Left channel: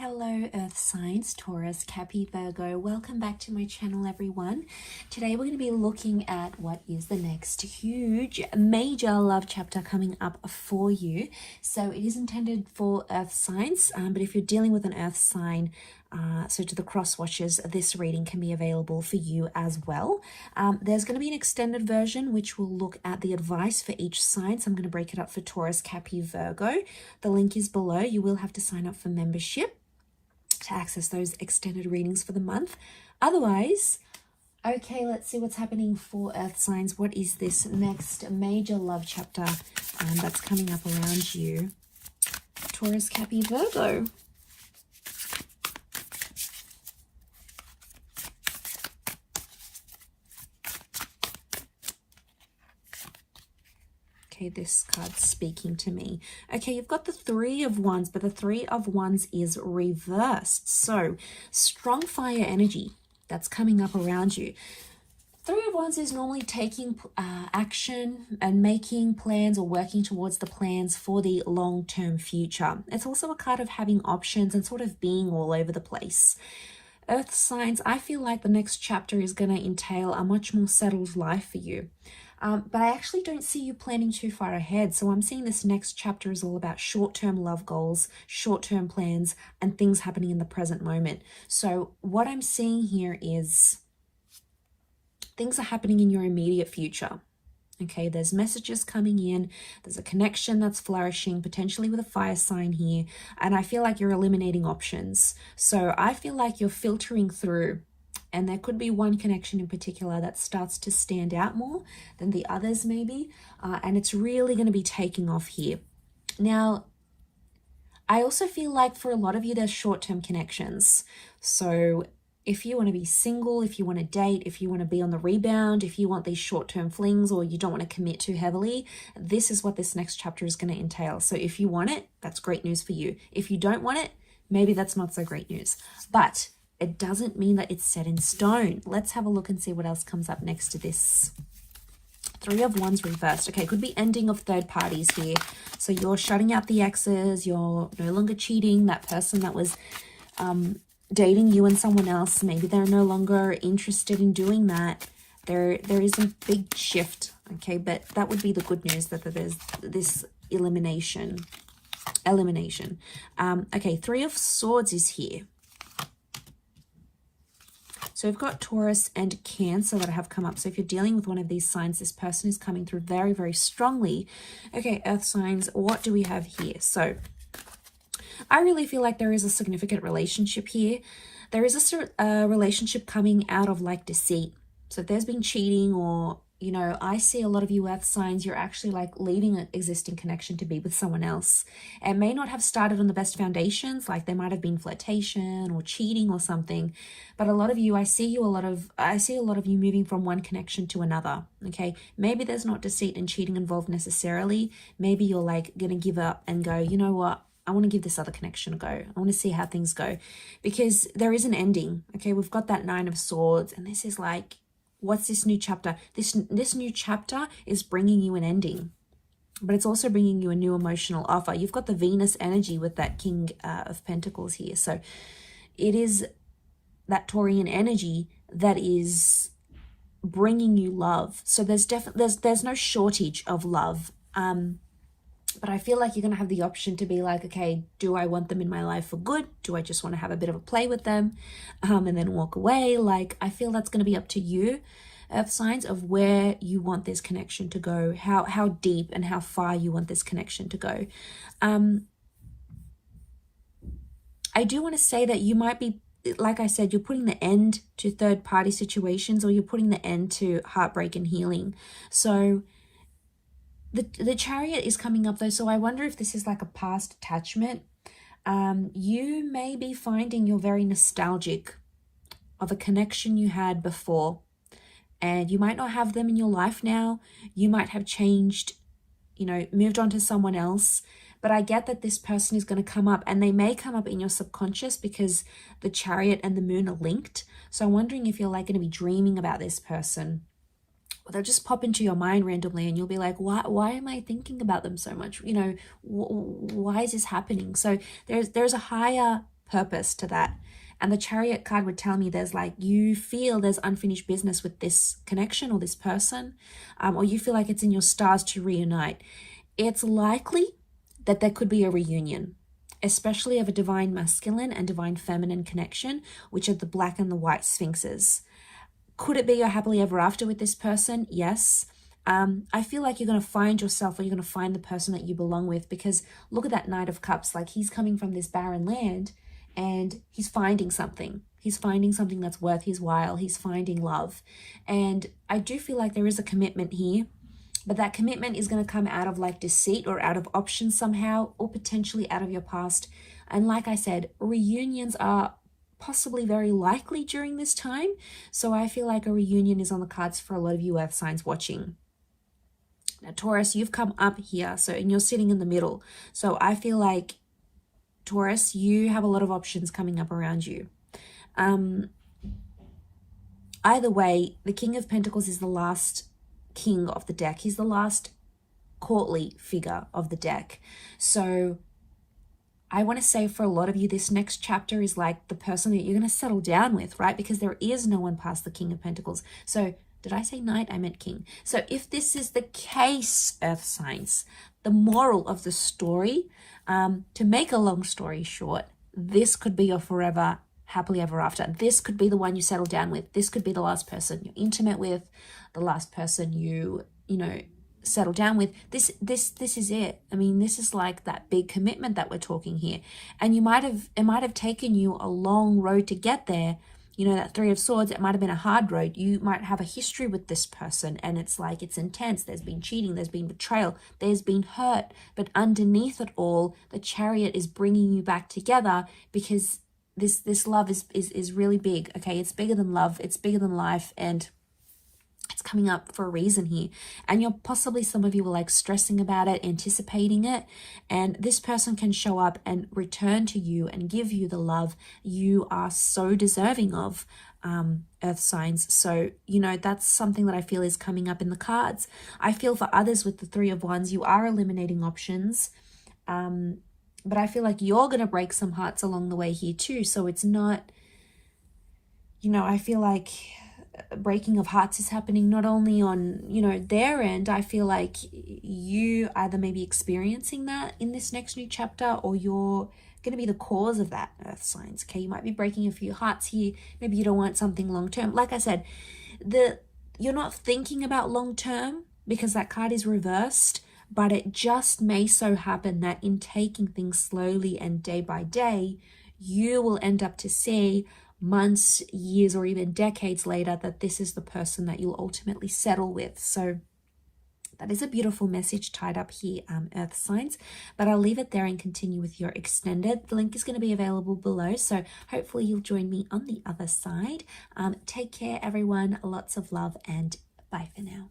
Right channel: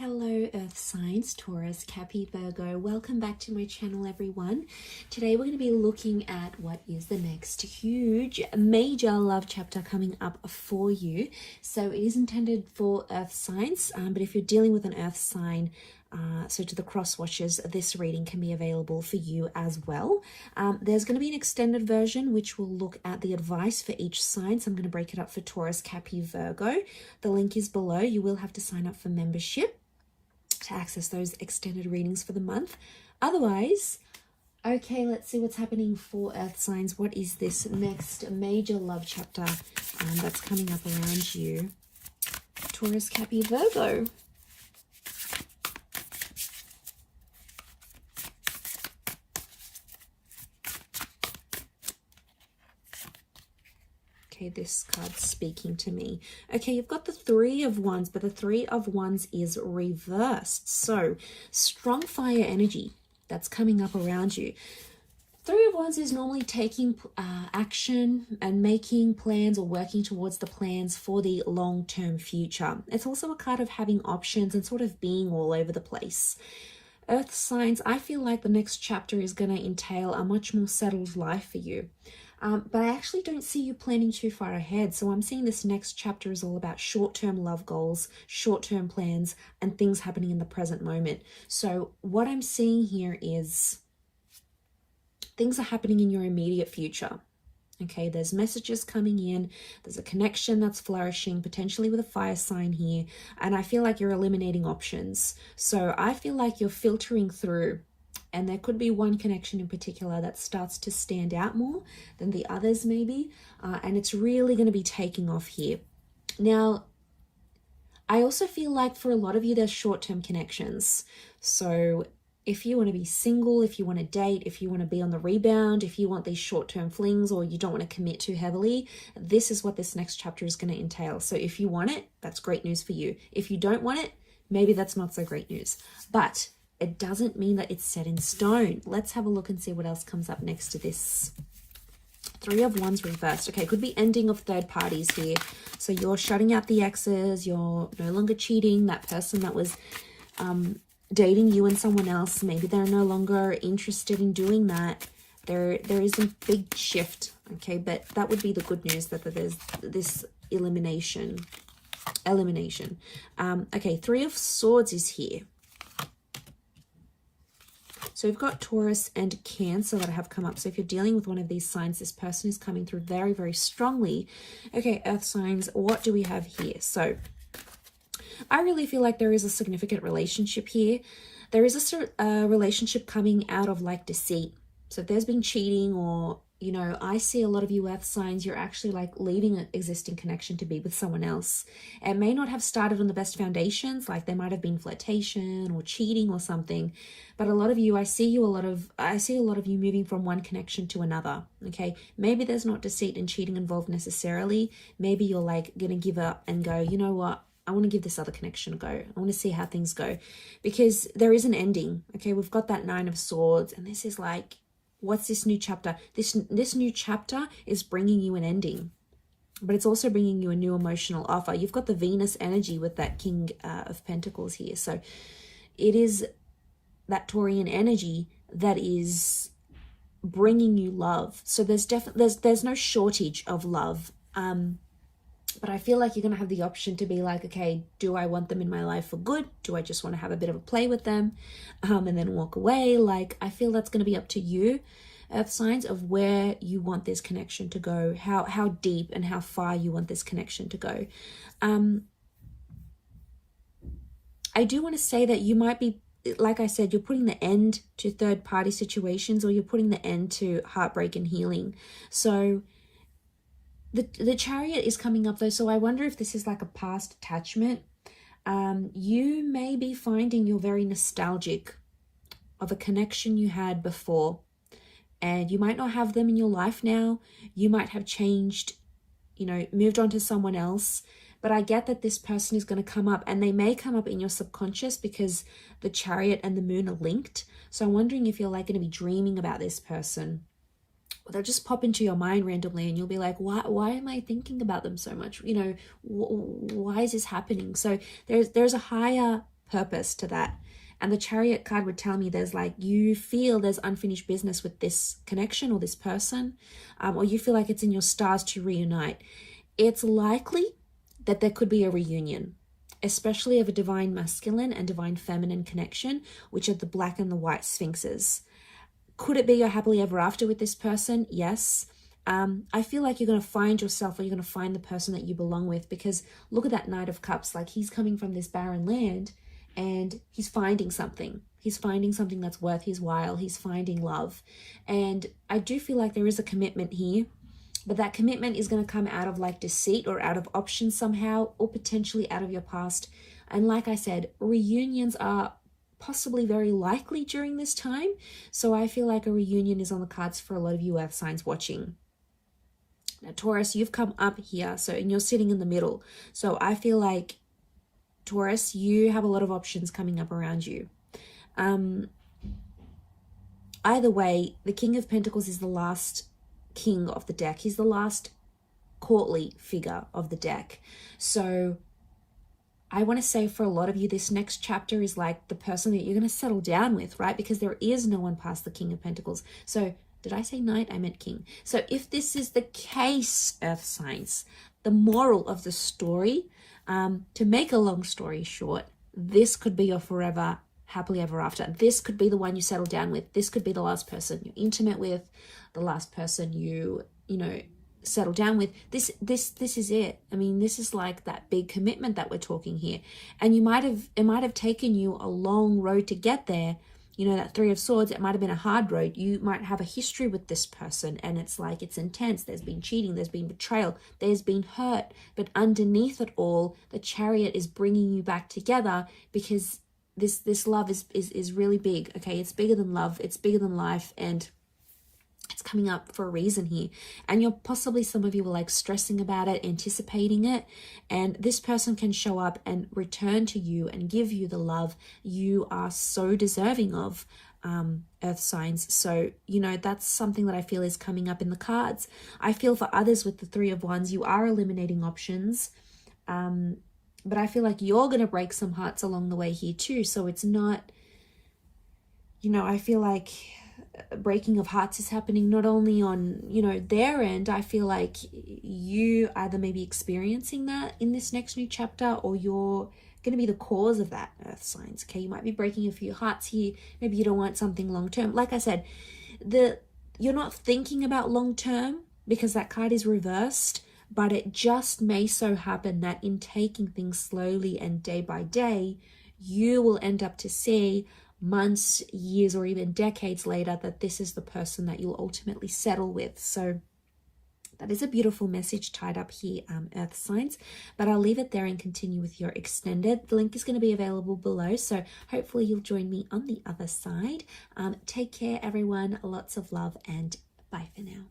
Hello Earth signs, Taurus, Capricorn, Virgo. Welcome back to my channel, everyone. Today we're going to be looking at what is the next huge, major love chapter coming up for you. So it is intended for Earth signs, but if you're dealing with an Earth sign, so to the cross watchers, this reading can be available for you as well. There's going to be an extended version which will look at the advice for each sign. So I'm going to break it up for Taurus, Capricorn, Virgo. The link is below. You will have to sign up for membership to access those extended readings for the month. Otherwise, okay, let's see what's happening for Earth signs. What is this next major love chapter that's coming up around you? Taurus, Capricorn, Virgo. Okay, this card's speaking to me. Okay, you've got the Three of Wands, but the Three of Wands is reversed. So, strong fire energy that's coming up around you. Three of Wands is normally taking action and making plans or working towards the plans for the long-term future. It's also a card of having options and sort of being all over the place. Earth signs, I feel like the next chapter is going to entail a much more settled life for you. But I actually don't see you planning too far ahead. So I'm seeing this next chapter is all about short-term love goals, short-term plans, and things happening in the present moment. So what I'm seeing here is things are happening in your immediate future. Okay, there's messages coming in. There's a connection that's flourishing, potentially with a fire sign here. And I feel like you're eliminating options. So I feel like you're filtering through. And there could be one connection in particular that starts to stand out more than the others maybe. And it's really going to be taking off here. Now, I also feel like for a lot of you, there's short-term connections. So if you want to be single, if you want to date, if you want to be on the rebound, if you want these short-term flings or you don't want to commit too heavily, this is what this next chapter is going to entail. So if you want it, that's great news for you. If you don't want it, maybe that's not so great news. But it doesn't mean that it's set in stone. Let's have a look and see what else comes up next to this. Three of Wands reversed. Okay, could be ending of third parties here. So you're shutting out the exes. You're no longer cheating. That person that was dating you and someone else, maybe they're no longer interested in doing that. There is a big shift. Okay, but that would be the good news, that there's this elimination. Okay, Three of Swords is here. So we've got Taurus and Cancer that have come up. So if you're dealing with one of these signs, this person is coming through very, very strongly. Okay, Earth signs, what do we have here? So I really feel like there is a significant relationship here. There is a relationship coming out of like deceit. So if there's been cheating or, you know, I see a lot of you Earth signs, you're actually like leaving an existing connection to be with someone else. It may not have started on the best foundations, like there might have been flirtation or cheating or something. But a lot of you, I see a lot of you moving from one connection to another. Okay, maybe there's not deceit and cheating involved necessarily. Maybe you're like gonna give up and go, you know what? I want to give this other connection a go. I want to see how things go, because there is an ending. Okay, we've got that Nine of Swords, and this is like, what's this new chapter? This new chapter is bringing you an ending, but it's also bringing you a new emotional offer. You've got the Venus energy with that King of Pentacles here. So it is that Taurian energy that is bringing you love. So there's no shortage of love. But I feel like you're going to have the option to be like, okay, do I want them in my life for good? Do I just want to have a bit of a play with them and then walk away? Like, I feel that's going to be up to you, Earth signs, of where you want this connection to go, how deep and how far you want this connection to go. I do want to say that you might be, like I said, you're putting the end to third party situations, or you're putting the end to heartbreak and healing. So the Chariot is coming up though. So I wonder if this is like a past attachment. You may be finding you're very nostalgic of a connection you had before, and you might not have them in your life now. You might have changed, you know, moved on to someone else. But I get that this person is going to come up, and they may come up in your subconscious because the Chariot and the Moon are linked. So I'm wondering if you're like going to be dreaming about this person, or they'll just pop into your mind randomly, and you'll be like, why am I thinking about them so much? You know, why is this happening? So there's a higher purpose to that. And the Chariot card would tell me there's like, you feel there's unfinished business with this connection or this person, or you feel like it's in your stars to reunite. It's likely that there could be a reunion, especially of a divine masculine and divine feminine connection, which are the black and the white sphinxes. Could it be a happily ever after with this person? Yes. I feel like you're going to find yourself, or you're going to find the person that you belong with, because look at that Knight of Cups. Like, he's coming from this barren land and he's finding something. He's finding something that's worth his while. He's finding love. And I do feel like there is a commitment here, but that commitment is going to come out of like deceit or out of options somehow, or potentially out of your past. And like I said, reunions are possibly very likely during this time. So I feel like a reunion is on the cards for a lot of you earth signs watching. Now, Taurus, you've come up here, and you're sitting in the middle. So I feel like, Taurus, you have a lot of options coming up around you. Either way, the King of Pentacles is the last king of the deck. He's the last courtly figure of the deck. So I want to say for a lot of you, this next chapter is like the person that you're going to settle down with, right? Because there is no one past the King of Pentacles. So did I say knight? I meant king. So if this is the case, earth signs, the moral of the story, to make a long story short, this could be your forever happily ever after. This could be the one you settle down with. This could be the last person you're intimate with, the last person you settle down with. This is it. I mean, this is like that big commitment that we're talking here. And it might have taken you a long road to get there. That Three of Swords, it might have been a hard road. You might have a history with this person, and it's like, it's intense. There's been cheating, there's been betrayal, there's been hurt. But underneath it all, the Chariot is bringing you back together, because this love is really big. Okay, it's bigger than love, it's bigger than life, and it's coming up for a reason here. And you're possibly, some of you were like stressing about it, anticipating it, and this person can show up and return to you and give you the love you are so deserving of, earth signs. So that's something that I feel is coming up in the cards. I feel for others with the Three of Wands, you are eliminating options, but I feel like you're going to break some hearts along the way here too. So it's not, I feel like breaking of hearts is happening not only on their end. I feel like you either may be experiencing that in this next new chapter, or you're going to be the cause of that, earth signs. Okay, you might be breaking a few hearts here. Maybe you don't want something long term. Like I said, you're not thinking about long term because that card is reversed, but it just may so happen that in taking things slowly and day by day, you will end up to see months, years, or even decades later that this is the person that you'll ultimately settle with. So that is a beautiful message tied up here, earth signs. But I'll leave it there and continue with your extended. The link is going to be available below, so hopefully you'll join me on the other side. Take care, everyone. Lots of love, and bye for now.